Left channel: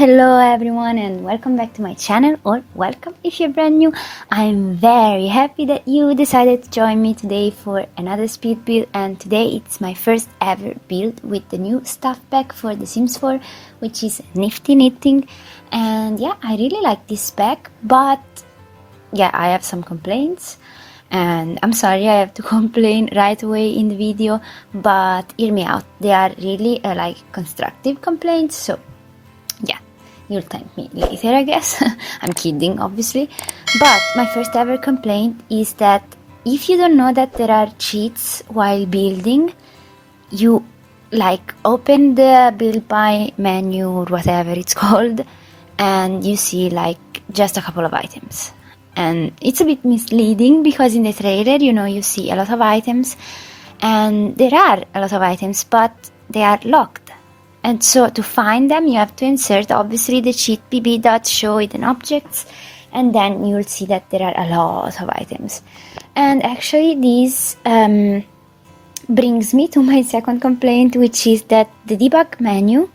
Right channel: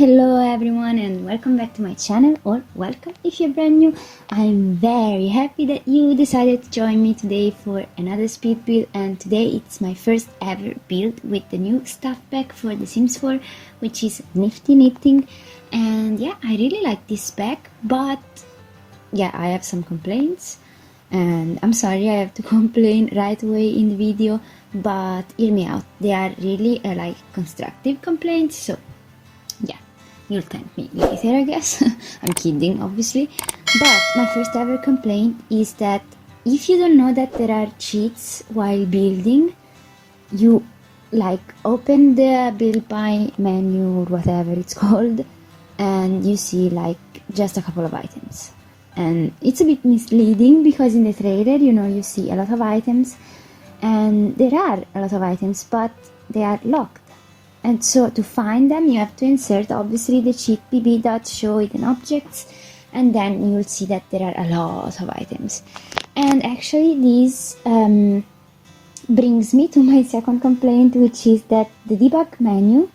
Hello everyone and welcome back to my channel, or welcome if you're brand new. I'm very happy that you decided to join me today for another speed build, and today it's my first ever build with the new stuff pack for The Sims 4, which is Nifty Knitting. And yeah, I really like this pack, but yeah, I have some complaints. And I'm sorry I have to complain right away in the video, but hear me out. They are really like constructive complaints, so yeah, you'll thank me later, I guess. I'm kidding, obviously. But my first ever complaint is that if you don't know that there are cheats while building, you like open the build by menu or whatever it's called, and you see like just a couple of items. And it's a bit misleading because in the trailer, you see a lot of items, and there are a lot of items, but they are locked. And so to find them, you have to insert obviously the cheat bb.showhiddenobjects, and then you'll see that there are a lot of items. And actually this brings me to my second complaint, which is that the debug menu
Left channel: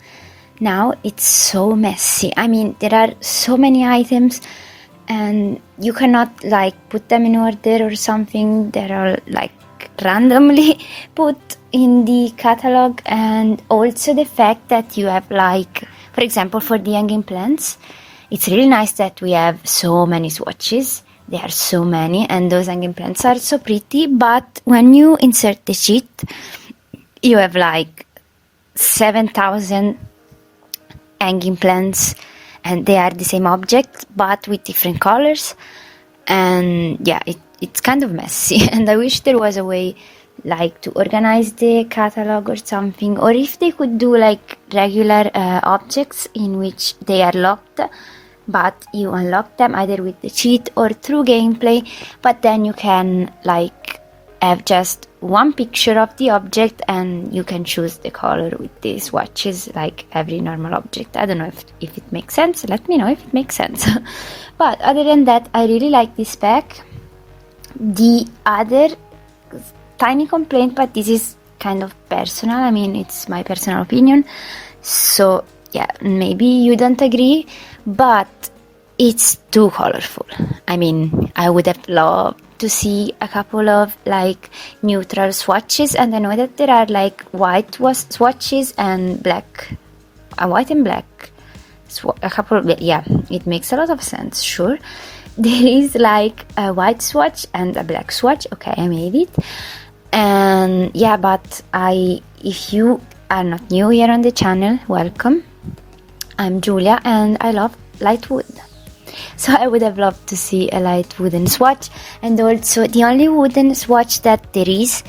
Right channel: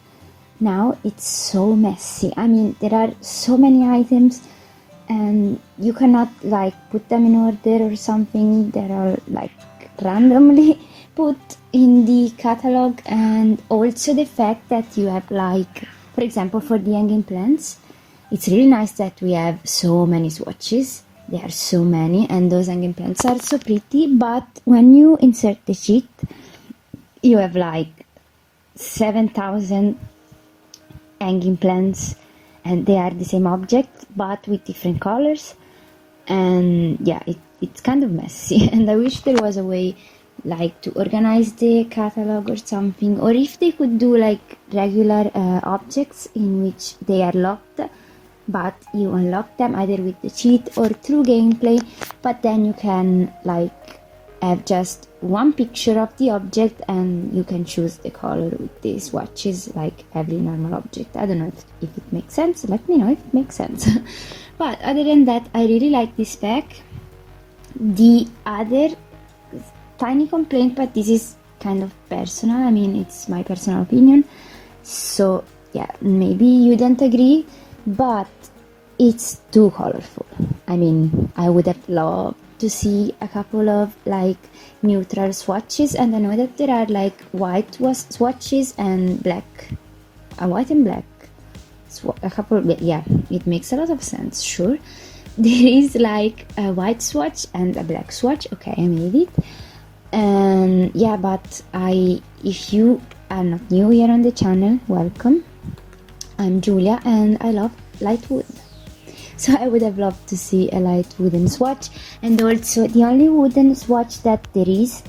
now it's so messy. I mean, there are so many items and you cannot like put them in order or something. They're all like randomly put in the catalog. And also the fact that you have like, for example, for the hanging plants, it's really nice that we have so many swatches. There are so many, and those hanging plants are so pretty, but when you insert the cheat, you have like 7,000 hanging plants, and they are the same object but with different colors. And yeah, it's kind of messy, and I wish there was a way like to organize the catalog or something, or if they could do like regular objects in which they are locked, but you unlock them either with the cheat or through gameplay, but then you can like have just one picture of the object and you can choose the color with the swatches like every normal object. I don't know if it makes sense. Let me know if it makes sense. But other than that, I really like this pack. The other tiny complaint, but this is kind of personal, I mean it's my personal opinion, so yeah, maybe you don't agree, but it's too colorful. I mean, I would have loved to see a couple of like neutral swatches, and I know that there are like white swatches and black, white and black, a couple of, yeah, it makes a lot of sense, sure. There is like a white swatch and a black swatch, okay, I made it. And yeah, but if you are not new here on the channel, welcome. I'm Giulia and I love light wood. So I would have loved to see a light wooden swatch, and also the only wooden swatch that there is,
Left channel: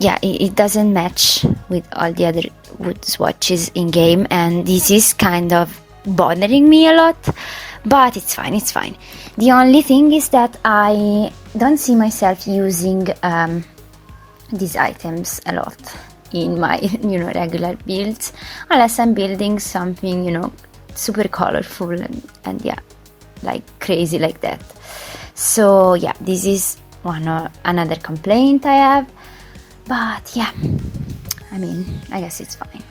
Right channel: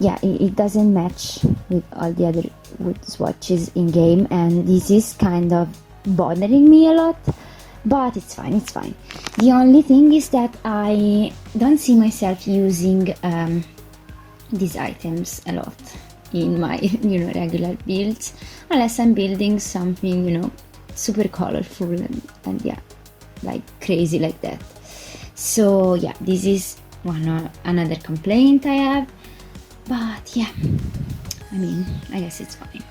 yeah, it doesn't match with all the other wood swatches in game, and this is kind of bothering me a lot, but it's fine, it's fine. The only thing is that I don't see myself using these items a lot in my regular builds, unless I'm building something super colorful and yeah, like crazy like that. So yeah, this is another complaint I have, but yeah, I mean, I guess it's fine.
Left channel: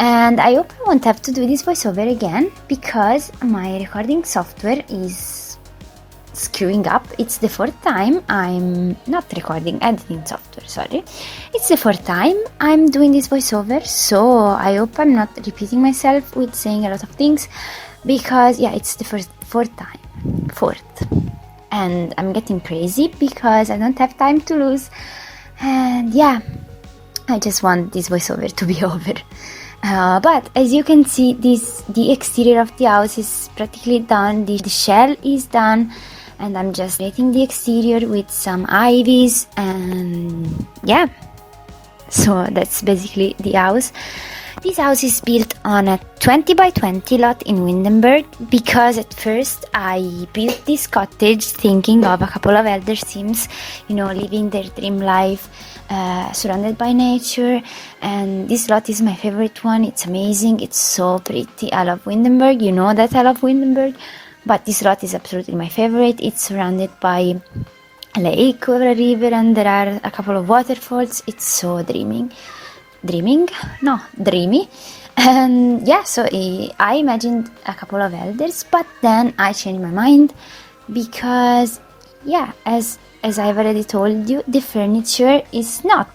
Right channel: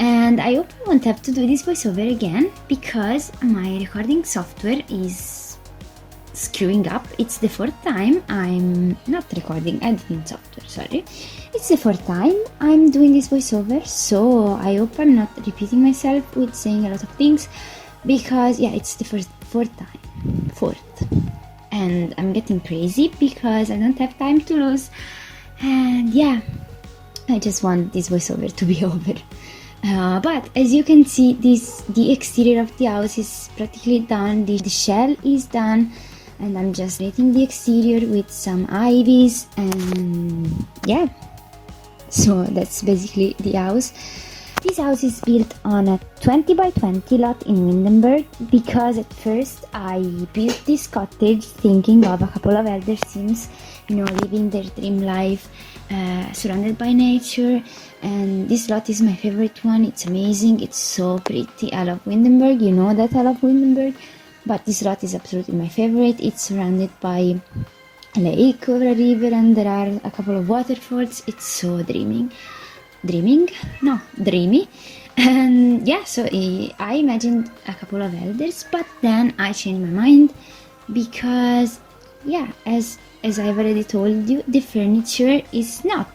And I hope I won't have to do this voiceover again, because my recording software is screwing up. It's the fourth time I'm not recording editing software, sorry. It's the fourth time I'm doing this voiceover, so I hope I'm not repeating myself with saying a lot of things, because yeah, it's the fourth time. And I'm getting crazy because I don't have time to lose, and yeah, I just want this voiceover to be over. But as you can see, the exterior of the house is practically done. The shell is done, and I'm just painting the exterior with some ivies, and yeah, so that's basically the house. This house is built on a 20 by 20 lot in Windenburg, because at first I built this cottage thinking of a couple of elder Sims, living their dream life, surrounded by nature, and this lot is my favorite one. It's amazing, it's so pretty. I love Windenburg, you know that I love Windenburg, but this lot is absolutely my favorite. It's surrounded by a lake or a river, and there are a couple of waterfalls. It's so dreamy. And yeah, so I imagined a couple of elders, but then I changed my mind because yeah, as I've already told you, the furniture is not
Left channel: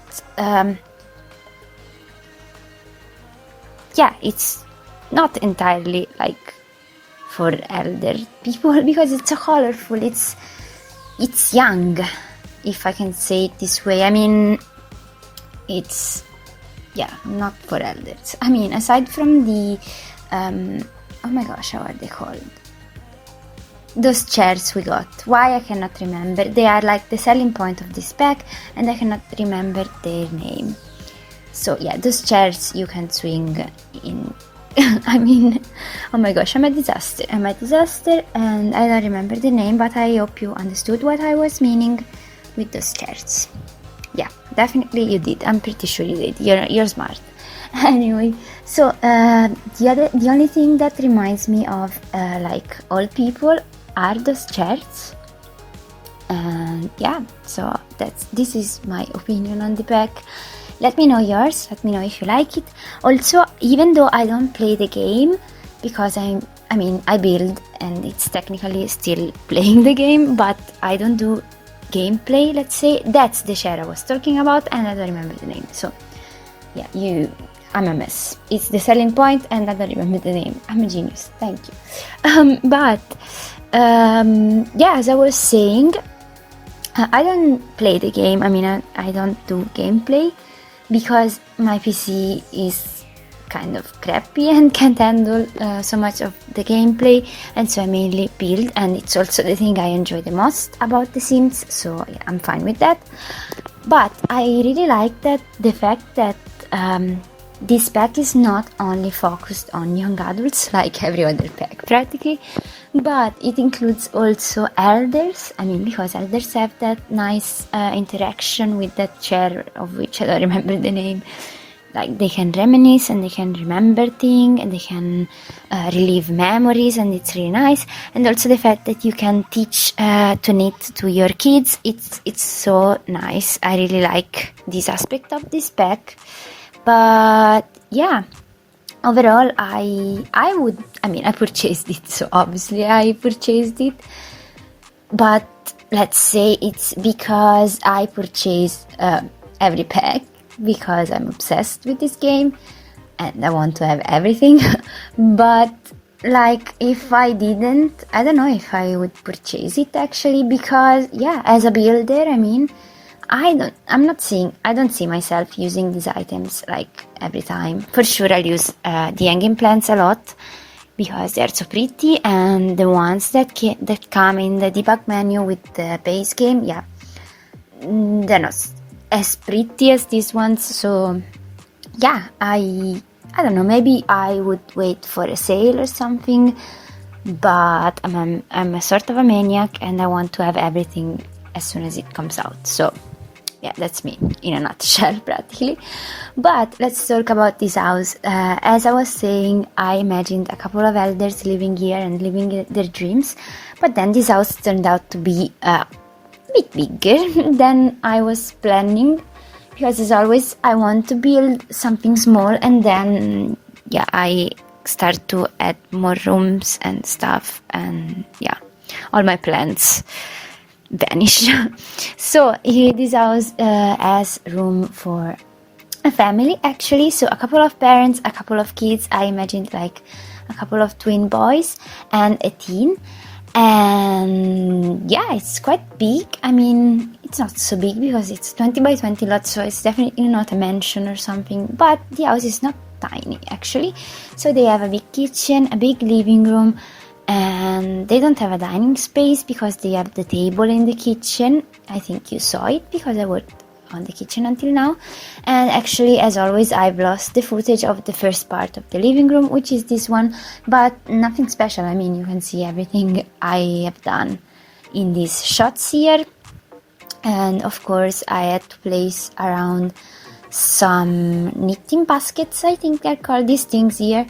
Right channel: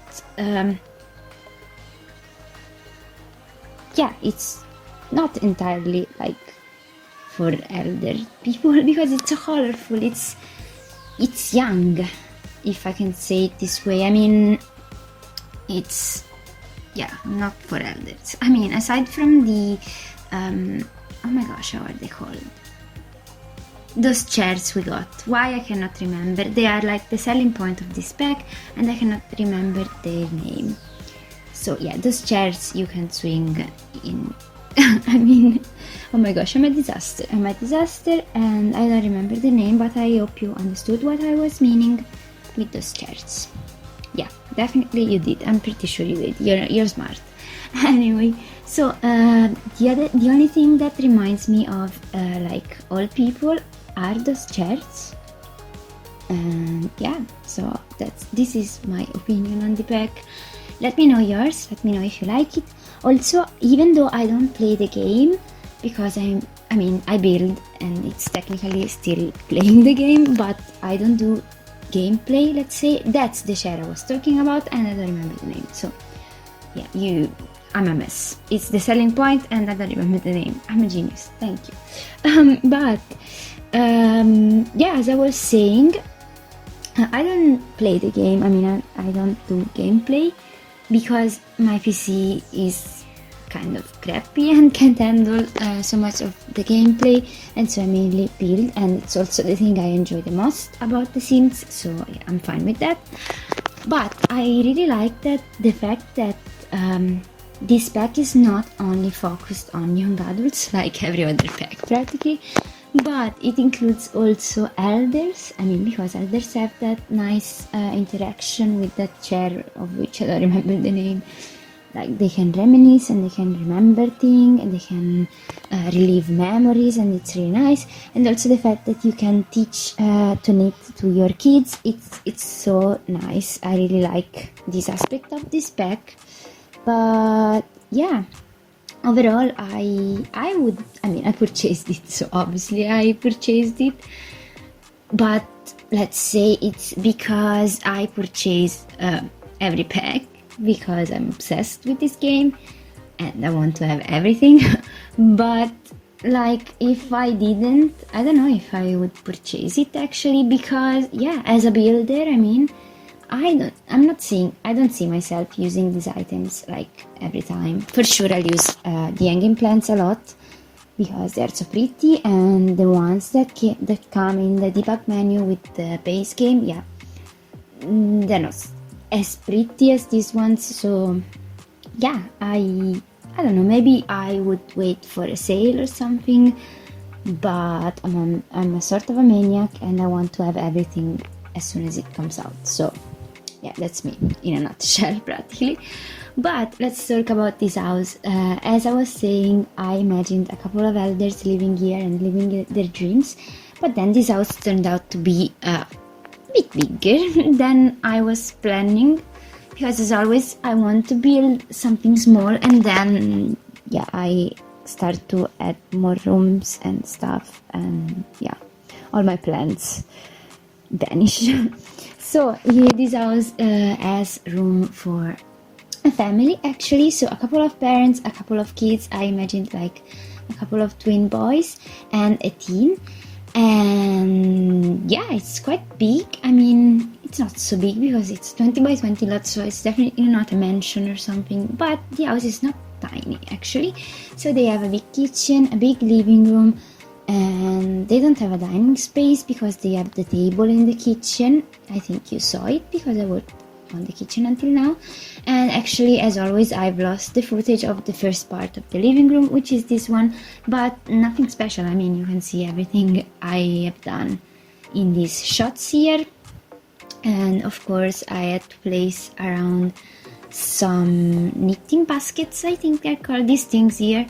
yeah, it's not entirely like for elder people because it's so colorful, it's young, if I can say it this way. I mean, it's yeah, not for elders. I mean, aside from the oh my gosh, how are they called, those chairs we got, why I cannot remember, they are like the selling point of this pack and I cannot remember their name. So yeah, those chairs you can swing in. I mean, oh my gosh, I'm a disaster and I don't remember the name, but I hope you understood what I was meaning with those chairs. Yeah, definitely you did. I'm pretty sure you did. You're smart. Anyway, so the only thing that reminds me of like old people are those chairs. And yeah, so this is my opinion on the pack. Let me know yours, let me know if you like it. Also, even though I don't play the game, because I build and it's technically still playing the game, but I don't do gameplay, let's say. That's the chair I was talking about and I don't remember the name. So yeah, I'm a mess. It's the selling point and I don't remember the name. I'm a genius, thank you. Yeah, as I was saying, I don't play the game. I mean, I don't do gameplay because my PC is kind of crappy and can't handle so much of the gameplay, and so I mainly build, and it's also the thing I enjoy the most about The Sims, so yeah, I'm fine with that. But I really like the fact that this pack is not only focused on young adults like every other pack practically, but it includes also elders. I mean, because elders have that nice interaction with that chair of which I don't remember the name. Like, they can reminisce and they can remember things and they can relive memories, and it's really nice. And also the fact that you can teach to knit to your kids, it's so nice. I really like this aspect of this pack. But yeah, overall, I purchased it, so obviously I purchased it, but let's say it's because I purchased every pack because I'm obsessed with this game and I want to have everything. But like, if I didn't, I don't know if I would purchase it actually, because yeah, as a builder, I mean, I don't see myself using these items like every time. For sure I'll use the hanging plants a lot because they're so pretty, and the ones that come in the debug menu with the base game, yeah, they're not as pretty as these ones. So yeah, I don't know, maybe I would wait for a sale or something, but I'm a sort of a maniac and I want to have everything as soon as it comes out. So yeah, that's me in a nutshell practically. But let's talk about this house. As I was saying, I imagined a couple of elders living here and living their dreams, but then this house turned out to be a bit bigger than I was planning, because as always I want to build something small and then yeah, I start to add more rooms and stuff, and yeah, all my plans vanish. So this house has room for a family actually, so a couple of parents, a couple of kids. I imagined like a couple of twin boys and a teen, and yeah, it's quite big. I mean, it's not so big because it's 20 by 20 lots, so it's definitely not a mansion or something, but the house is not tiny actually. So they have a big kitchen, a big living room, and they don't have a dining space because they have the table in the kitchen. I think you saw it because I worked on the kitchen until now. And actually, as always, I've lost the footage of the first part of the living room, which is this one, but nothing special. I mean, you can see everything I have done in these shots here. And of course, I had to place around some knitting baskets, I think they're called, these things here.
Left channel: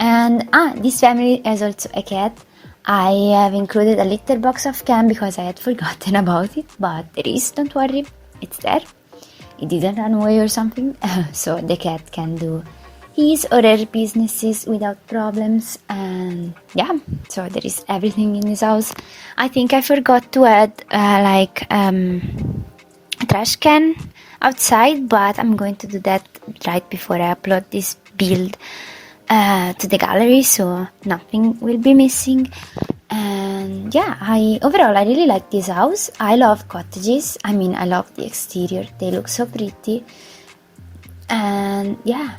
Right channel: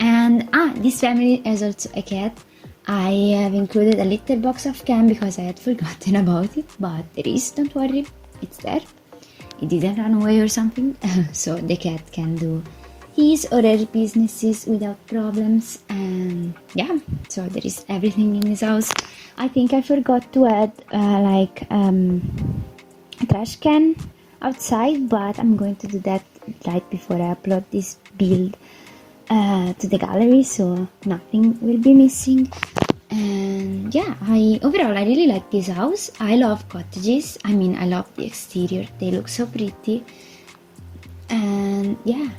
And this family has also a cat. I have included a little box of cam because I had forgotten about it, but there is, don't worry, it's there. It didn't run away or something. So the cat can do his or her businesses without problems. And yeah, so there is everything in this house. I think I forgot to add a trash can outside, but I'm going to do that right before I upload this build to the gallery, so nothing will be missing. And yeah, overall I really like this house. I love cottages. I mean, I love the exterior, they look so pretty. And yeah,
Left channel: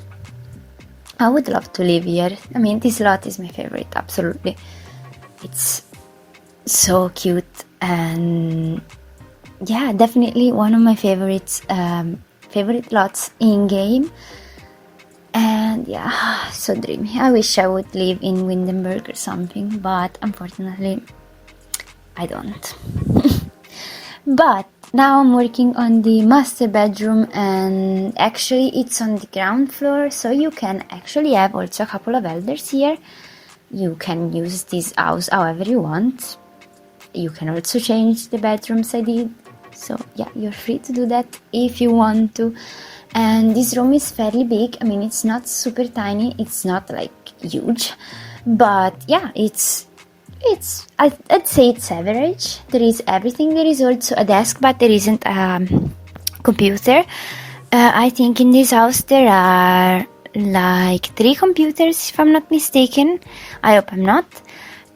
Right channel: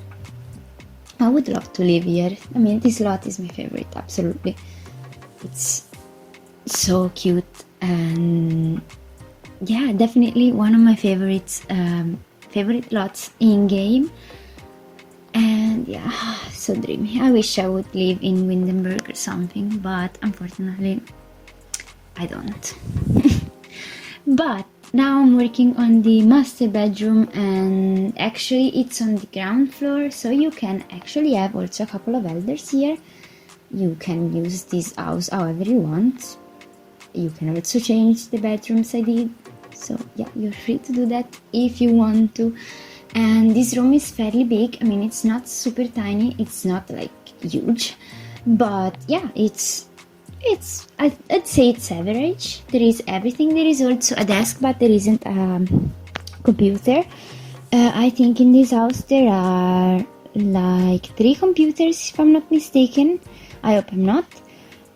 I would love to live here. I mean, this lot is my favorite, absolutely. It's so cute, and yeah, definitely one of my favorites, favorite lots in game. And yeah, so dreamy. I wish I would live in Windenburg or something, but unfortunately I don't. But now I'm working on the master bedroom, and actually it's on the ground floor, so you can actually have also a couple of elders here. You can use this house however you want. You can also change the bedrooms I did, so yeah, you're free to do that if you want to. And this room is fairly big. I mean, it's not super tiny, it's not like huge, but yeah, I'd say it's average. There is everything. There is also a desk, but there isn't a computer. I think in this house there are like 3 computers, if I'm not mistaken. I hope I'm not.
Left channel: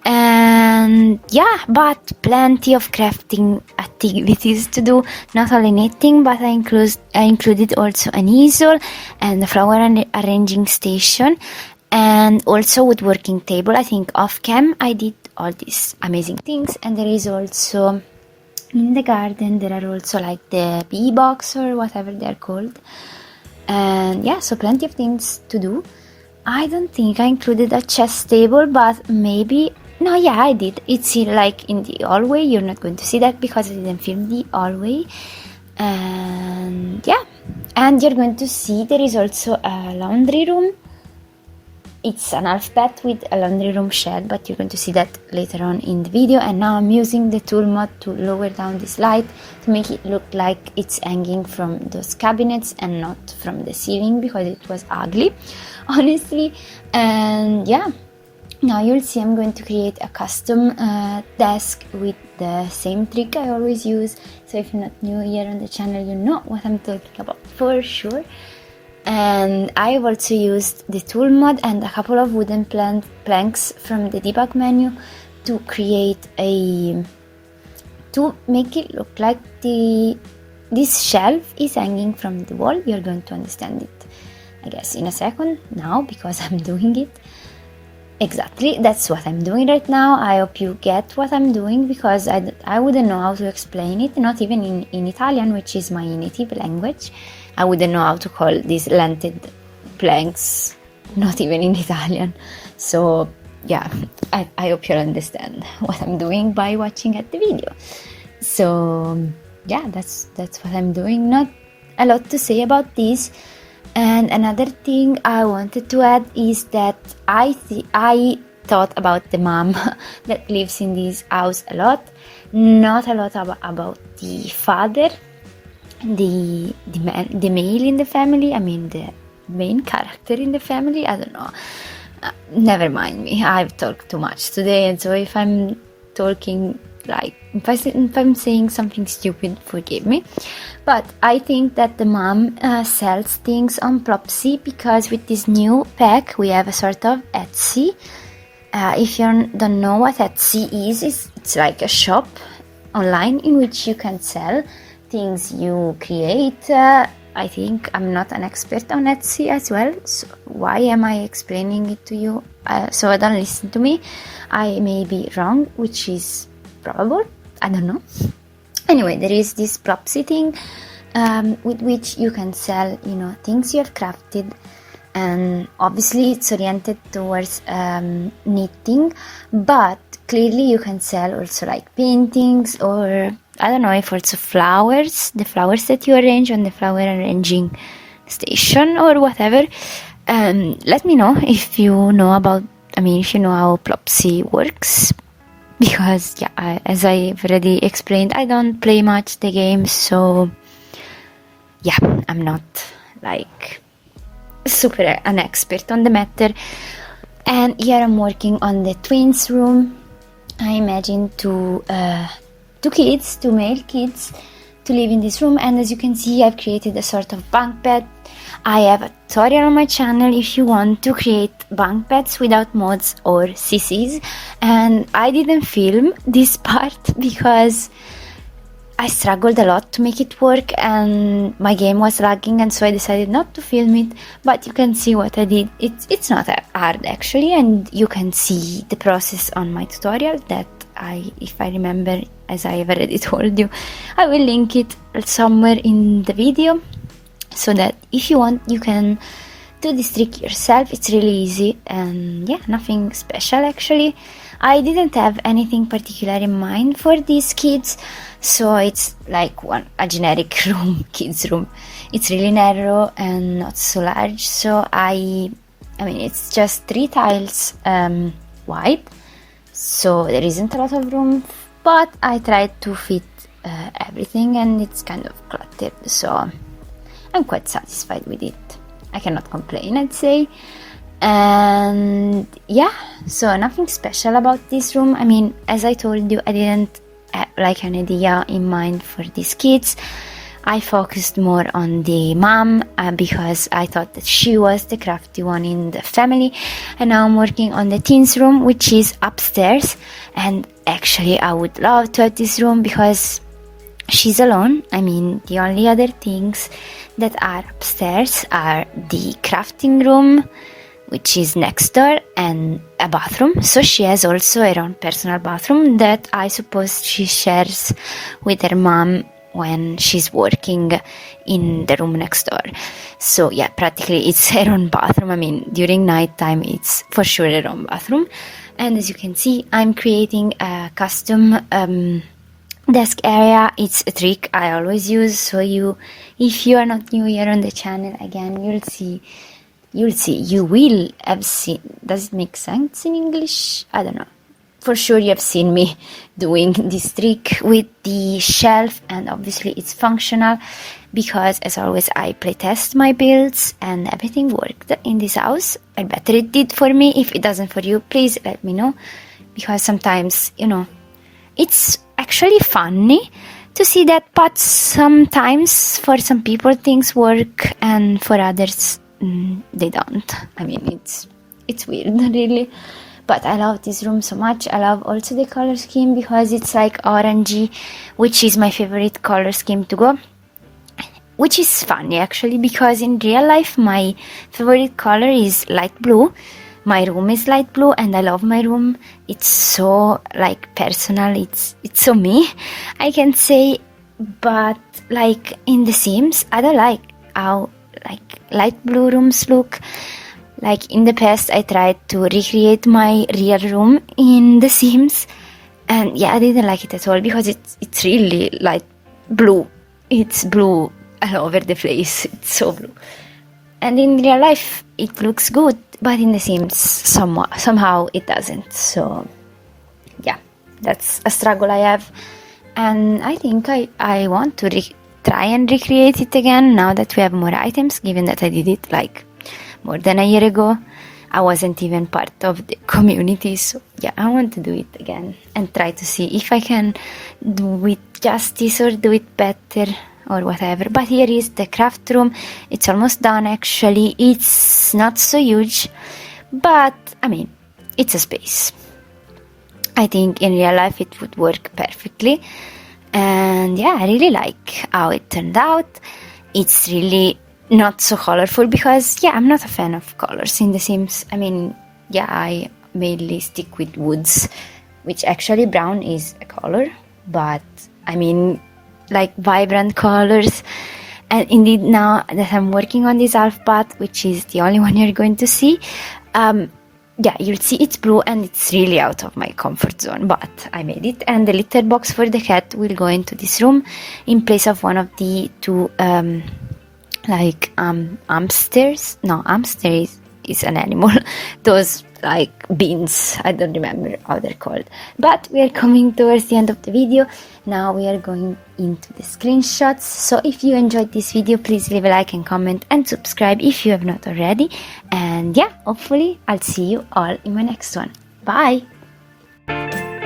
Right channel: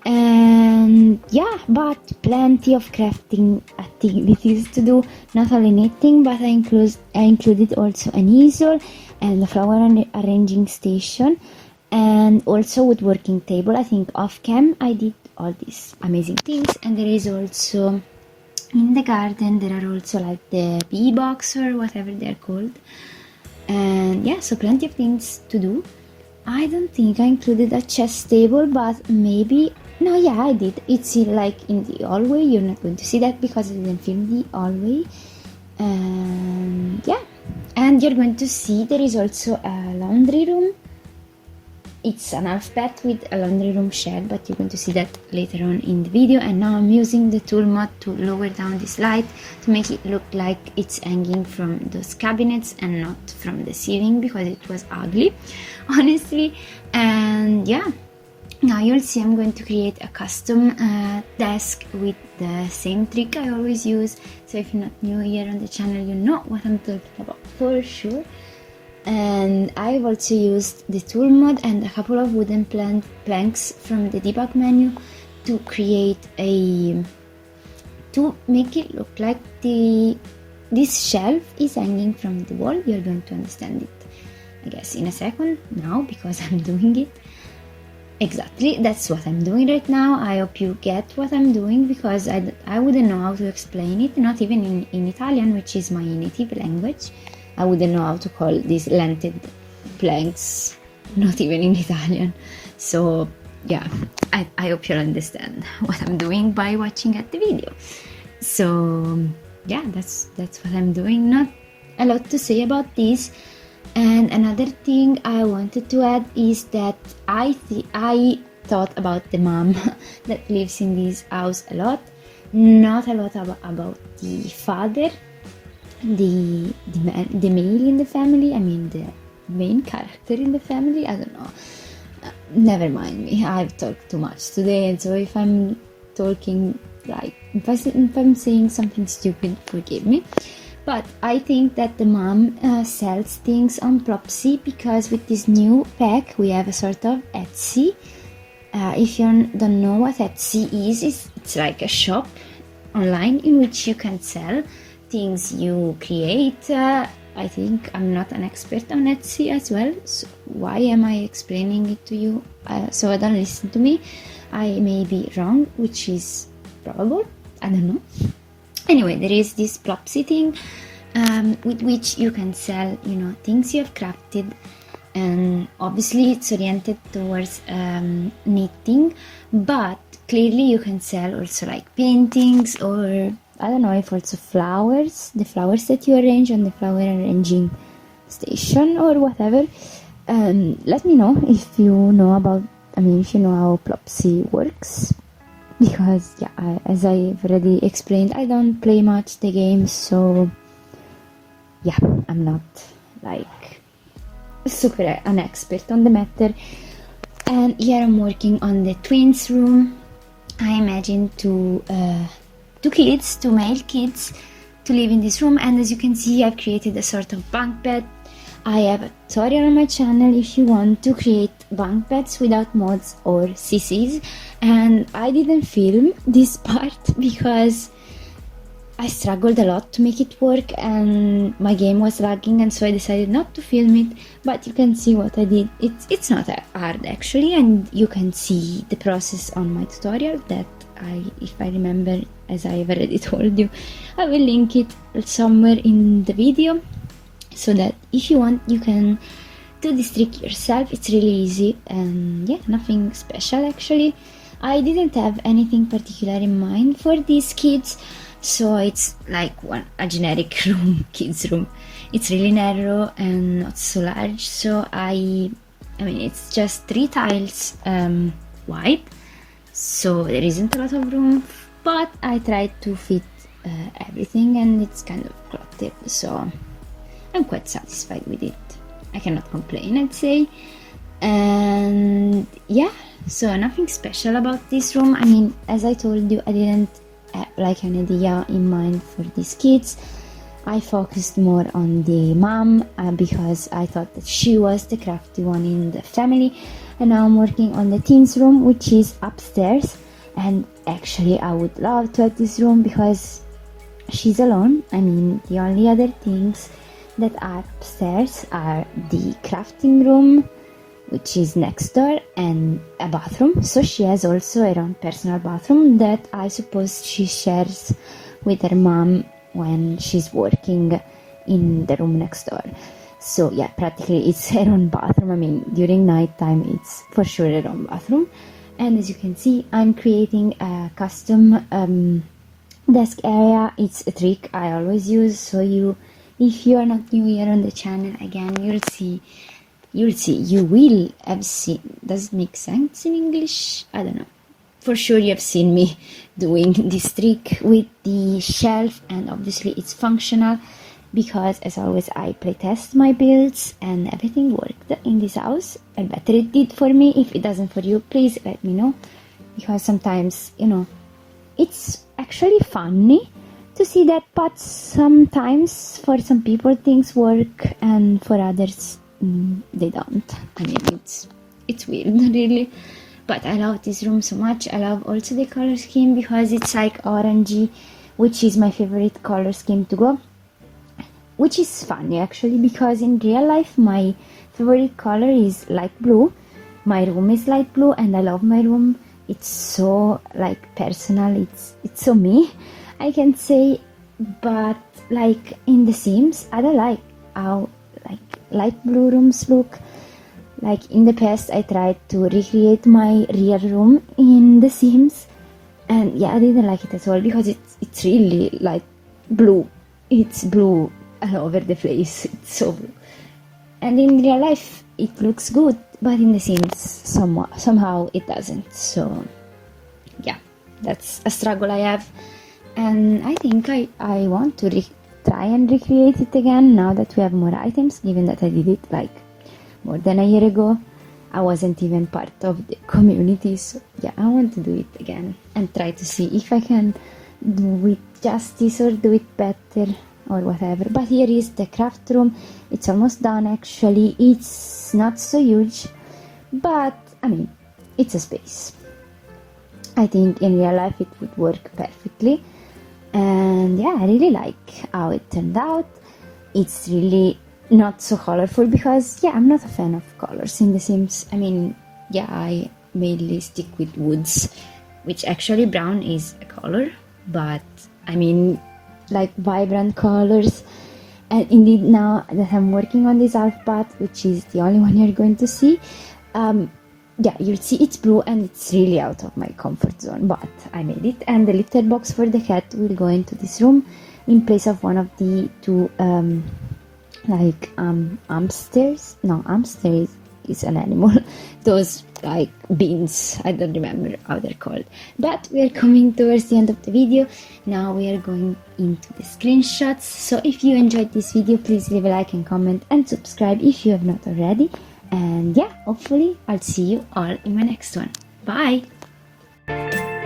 And yeah, but plenty of crafting activities to do. Not only knitting, but I included also an easel and a flower arranging station, and also woodworking table. I think off cam I did all these amazing things. And there is also in the garden, there are also like the bee box or whatever they're called. And yeah, so plenty of things to do. I don't think I included a chess table, but maybe, no, yeah, I did. It's like in the hallway. You're not going to see that because I didn't film the hallway. And yeah, and you're going to see there is also a laundry room. It's an half bed with a laundry room shed, but you're going to see that later on in the video. And now I'm using the tool mod to lower down this light to make it look like it's hanging from those cabinets and not from the ceiling, because it was ugly, honestly. And yeah, now you'll see I'm going to create a custom desk with the same trick I always use. So if you're not new here on the channel, you know what I'm talking about for sure. And I have also used the tool mod and a couple of wooden planks from the debug menu to create to make it look like this shelf is hanging from the wall. You're going to understand it, I guess, in a second now, because I'm doing it. Exactly, that's what I'm doing right now. I hope you get what I'm doing, because I wouldn't know how to explain it, not even in Italian, which is my native language. I wouldn't know how to call these lented planks, not even in Italian. So yeah, I hope you'll understand what I'm doing by watching at the video. So yeah, that's what I'm doing. Not a lot to say about this. And another thing I wanted to add is that I thought about the mom that lives in this house a lot. Not a lot about the father, the male in the family. I mean, the main character in the family. I don't know. Never mind me. I've talked too much today, and so if I'm talking like if I'm saying something stupid, forgive me. But I think that the mom sells things on Plopsy, because with this new pack we have a sort of Etsy. If you don't know what Etsy is, it's like a shop online in which you can sell things you create. I think I'm not an expert on Etsy as well, so why am I explaining it to you? So don't listen to me. I may be wrong, which is probable. I don't know. Anyway, there is this Plopsy thing with which you can sell, things you have crafted, and obviously it's oriented towards knitting, but clearly you can sell also like paintings, or I don't know if also flowers, the flowers that you arrange on the flower arranging station or whatever. Let me know if you know if you know how Plopsy works, because yeah, as I've already explained, I don't play much the game, so yeah, I'm not like super an expert on the matter. And here I'm working on the twins room. I imagine two male kids to live in this room, and as you can see, I've created a sort of bunk bed. I have a tutorial on my channel if you want to create bunk beds without mods or CCs, and I didn't film this part because I struggled a lot to make it work and my game was lagging, and so I decided not to film it. But you can see what I did. It's not hard actually, and you can see the process on my tutorial that if I remember, as I have already told you, I will link it somewhere in the video, so that if you want you can do this trick yourself. It's really easy and yeah, nothing special actually. I didn't have anything particular in mind for these kids, so it's like a generic room, kids room. It's really narrow and not so large, so I mean it's just 3 tiles wide, so there isn't a lot of room, but I tried to fit everything, and it's kind of cluttered, so I'm quite satisfied with it. I cannot complain, I'd say. And yeah, so nothing special about this room. I mean, as I told you, I didn't have like an idea in mind for these kids. I focused more on the mom because I thought that she was the crafty one in the family, and now I'm working on the teens room, which is upstairs. And actually I would love to have this room because she's alone. I mean, the only other things that are upstairs are the crafting room, which is next door, and a bathroom. So she has also her own personal bathroom that I suppose she shares with her mom when she's working in the room next door. So yeah, practically it's her own bathroom. I mean, during night time it's for sure her own bathroom. And as you can see, I'm creating a custom desk area. It's a trick I always use, so if you are not new here on the channel, again, you will have seen, does it make sense in English? I don't know. For sure you have seen me doing this trick with the shelf, and obviously it's functional because, as always, I playtest my builds and everything worked in this house. I better it did for me. If it doesn't for you, please let me know, because sometimes, you know, it's actually funny to see that, but sometimes for some people things work and for others they don't. I mean, it's weird really, but I love this room so much. I love also the color scheme because it's like orangey, which is my favorite color scheme to go, which is funny actually because in real life my favorite color is light blue. My room is light blue and I love my room. It's so like personal, it's so me, I can say. But like in The Sims, I don't like how like light blue rooms look. Like in the past I tried to recreate my real room in The Sims, and yeah, I didn't like it at all because it's really light blue. It's blue all over the place, it's so blue. And in real life it looks good, but in The Sims somehow it doesn't. So yeah, that's a struggle I have, and I think I want to try and recreate it again now that we have more items, given that I did it like more than a year ago. I wasn't even part of the community, so yeah, I want to do it again and try to see if I can do it justice or do it better or whatever. But here is the craft room. It's almost done actually. It's not so huge, but I mean, it's a space. I think in real life it would work perfectly, and yeah, I really like how it turned out. It's really not so colorful because yeah, I'm not a fan of colors in The Sims. I mean, yeah, I mainly stick with woods, which actually brown is a color, but I mean like vibrant colors. And indeed, now that I'm working on this half path, which is the only one you're going to see, yeah, you'll see it's blue and it's really out of my comfort zone, but I made it. And the litter box for the cat will go into this room in place of one of the two hamsters. No, hamster is an animal. Those like beans. I don't remember how they're called. But we are coming towards the end of the video. Now we are going into the screenshots. So if you enjoyed this video, please leave a like and comment and subscribe if you have not already. And yeah, hopefully I'll see you all in my next one. Bye!